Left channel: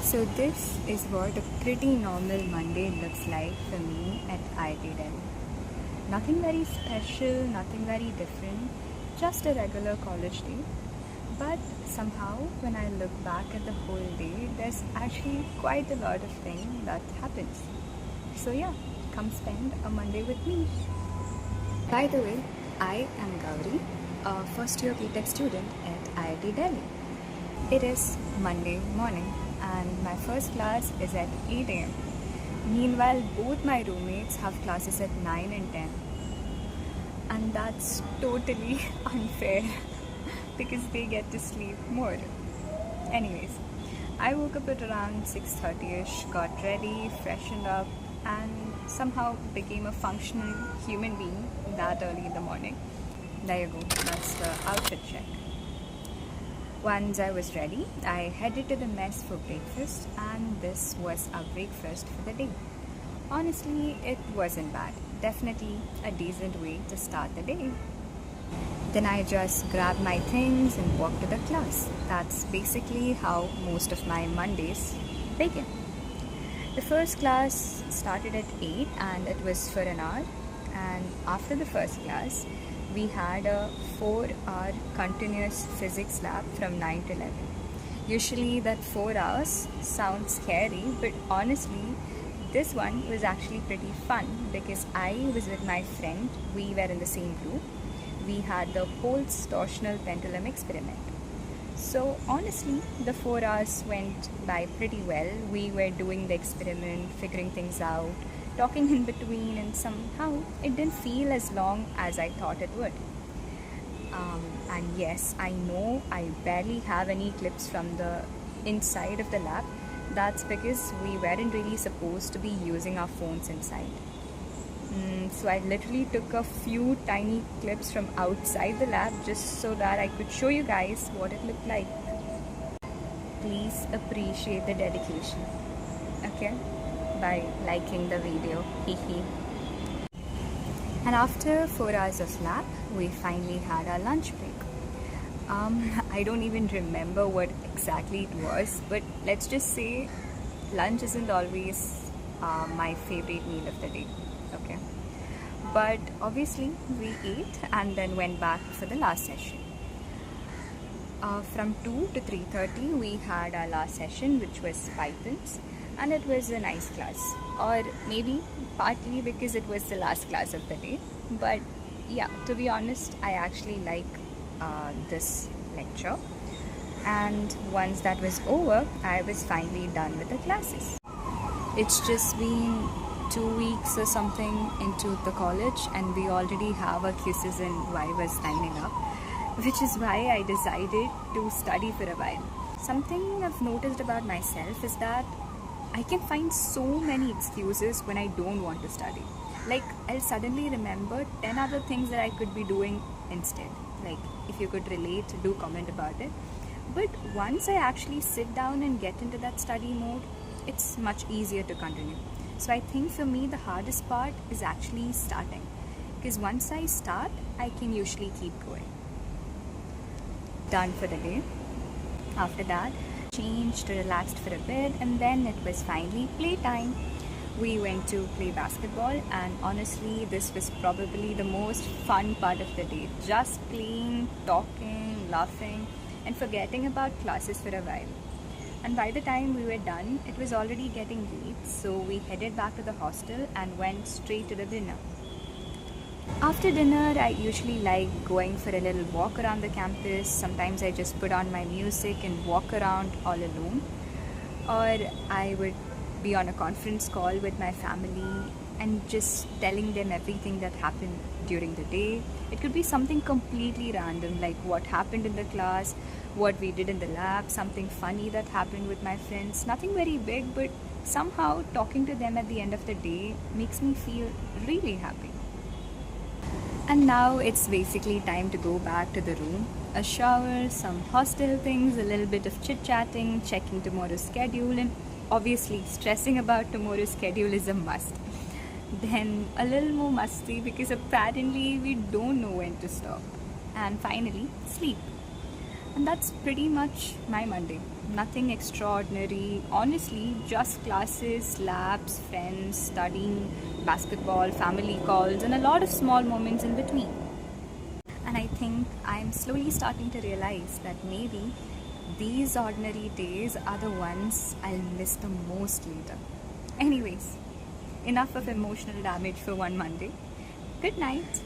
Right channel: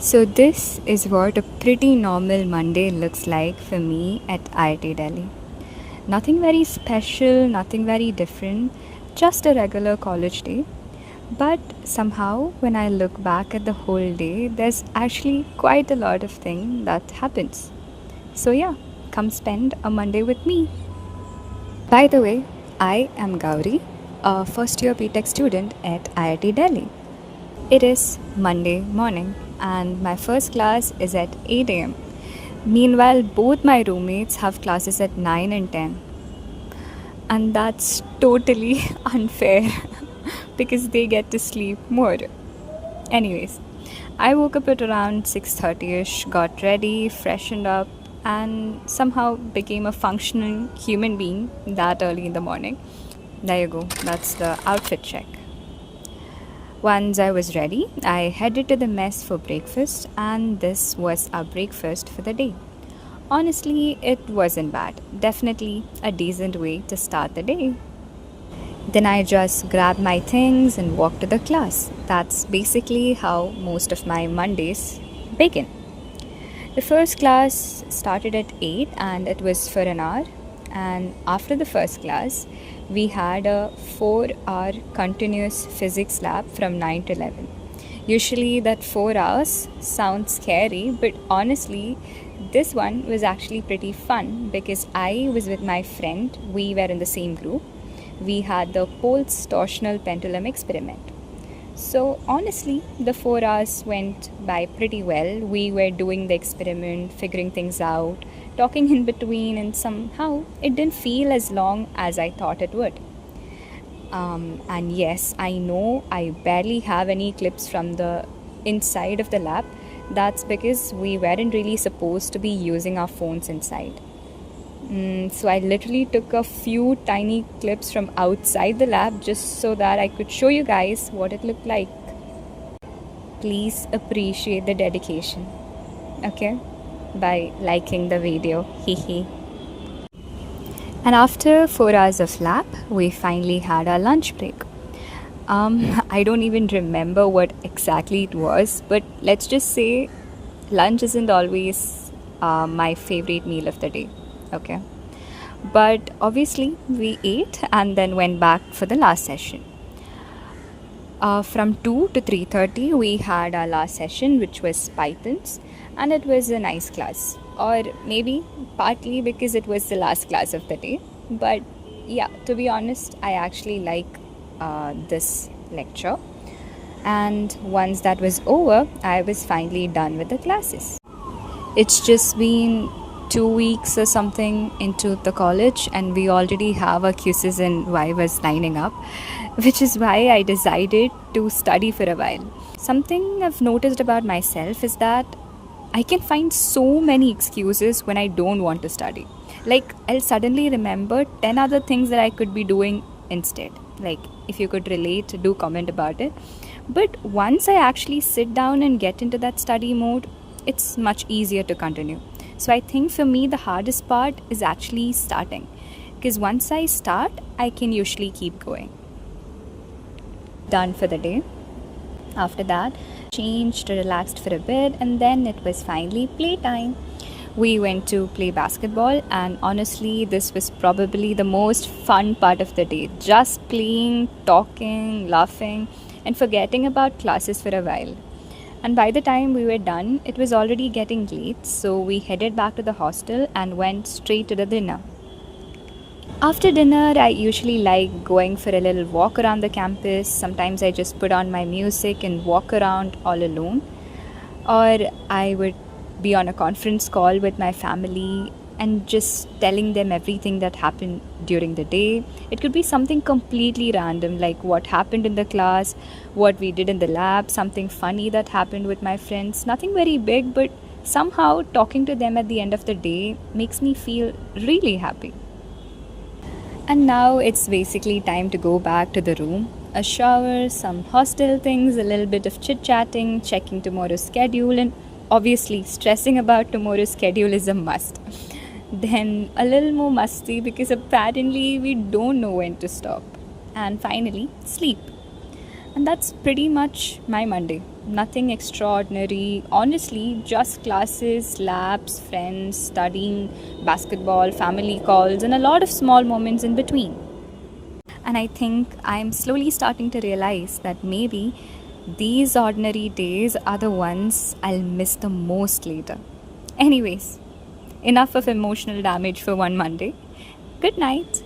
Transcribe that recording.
So this is what a pretty normal Monday looks like for me at IIT Delhi. Nothing very special, nothing very different, just a regular college day. But somehow when I look back at the whole day, there's actually quite a lot of thing that happens. So yeah, come spend a Monday with me. By the way, I am Gauri, a first year BTech student at IIT Delhi. It is Monday morning and my first class is at 8 am. Meanwhile, both my roommates have classes at 9 and 10. And that's totally unfair because they get to sleep more. Anyways, I woke up at around 6:30ish, got ready, freshened up, and somehow became a functional human being that early in the morning. There you go, that's the outfit check. Once I was ready, I headed to the mess for breakfast, and this was our breakfast for the day. Honestly, it wasn't bad. Definitely a decent way to start the day. Then I just grabbed my things and walked to the class. That's basically how most of my Mondays begin. The first class started at 8 and it was for an hour. And after the first class, we had a 4-hour continuous physics lab from 9 to 11. Usually, that 4 hours sounds scary, but honestly, this one was actually pretty fun because I was with my friend, we were in the same group. We had the Holt's torsional pendulum experiment. So, honestly, the 4 hours went by pretty well. We were doing the experiment, figuring things out, talking in between, and somehow it didn't feel as long as I thought it would. And yes, I know I barely have any clips from the inside of the lab. That's because we weren't really supposed to be using our phones inside. So I literally took a few tiny clips from outside the lab just so that I could show you guys what it looked like. Please appreciate the dedication, okay? By liking the video, hehe. And after 4 hours of lab, we finally had our lunch break. I don't even remember what exactly it was, but let's just say lunch isn't always my favorite meal of the day, okay? But obviously, we ate and then went back for the last session. From 2 to 3:30, we had our last session, which was Pythons, and it was a nice class. Or maybe partly because it was the last class of the day. But yeah, to be honest, I actually like this lecture. And once that was over, I was finally done with the classes. It's just been 2 weeks or something into the college, and we already have our quizzes and vivas lining up, which is why I decided to study for a while. Something I've noticed about myself is that I can find so many excuses when I don't want to study. Like, I'll suddenly remember 10 other things that I could be doing instead. Like, if you could relate, do comment about it. But once I actually sit down and get into that study mode, it's much easier to continue. So I think for me, the hardest part is actually starting. Because once I start, I can usually keep going. Done for the day. After that, changed, relaxed for a bit, and then it was finally playtime. We went to play basketball, and honestly, this was probably the most fun part of the day. Just playing, talking, laughing, and forgetting about classes for a while. And by the time we were done, it was already getting late, so we headed back to the hostel and went straight to the dinner. After dinner, I usually like going for a little walk around the campus. Sometimes I just put on my music and walk around all alone. Or I would be on a conference call with my family and just telling them everything that happened during the day. It could be something completely random, like what happened in the class, what we did in the lab, something funny that happened with my friends. Nothing very big, but somehow talking to them at the end of the day makes me feel really happy. And now it's basically time to go back to the room. A shower, some hostel things, a little bit of chit chatting, checking tomorrow's schedule, and obviously stressing about tomorrow's schedule is a must. Then a little more musty because apparently we don't know when to stop. And finally, sleep. And that's pretty much my Monday. Nothing extraordinary. Honestly, just classes, labs, friends, studying, basketball, family calls, and a lot of small moments in between. And I think I'm slowly starting to realize that maybe these ordinary days are the ones I'll miss the most later. Anyways, enough of emotional damage for one Monday. Good night.